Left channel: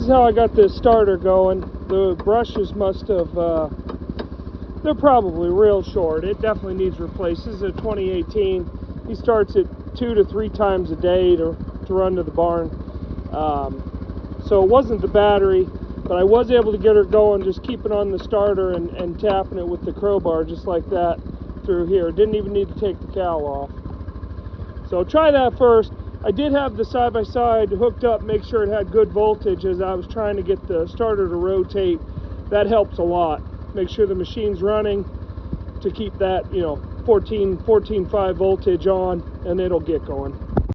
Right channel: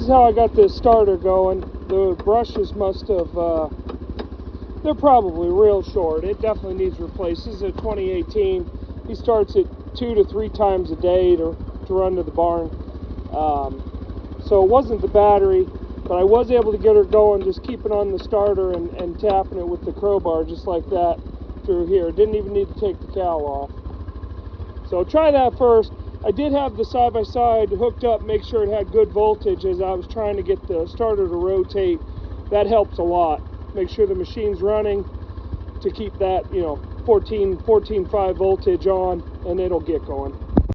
is how I got this starter going. The brushes must have, they're probably real short. It definitely needs replaced. This is a 2018. He starts it 2 to 3 times a day to run to the barn. So it wasn't the battery, but I was able to get her going, just keeping on the starter and tapping it with the crowbar just like that through here. Didn't even need to take the cowl off. So try that first. I did have the side-by-side hooked up, make sure it had good voltage as I was trying to get the starter to rotate. That helps a lot. Make sure the machine's running to keep that, 14.5 voltage on, and it'll get going.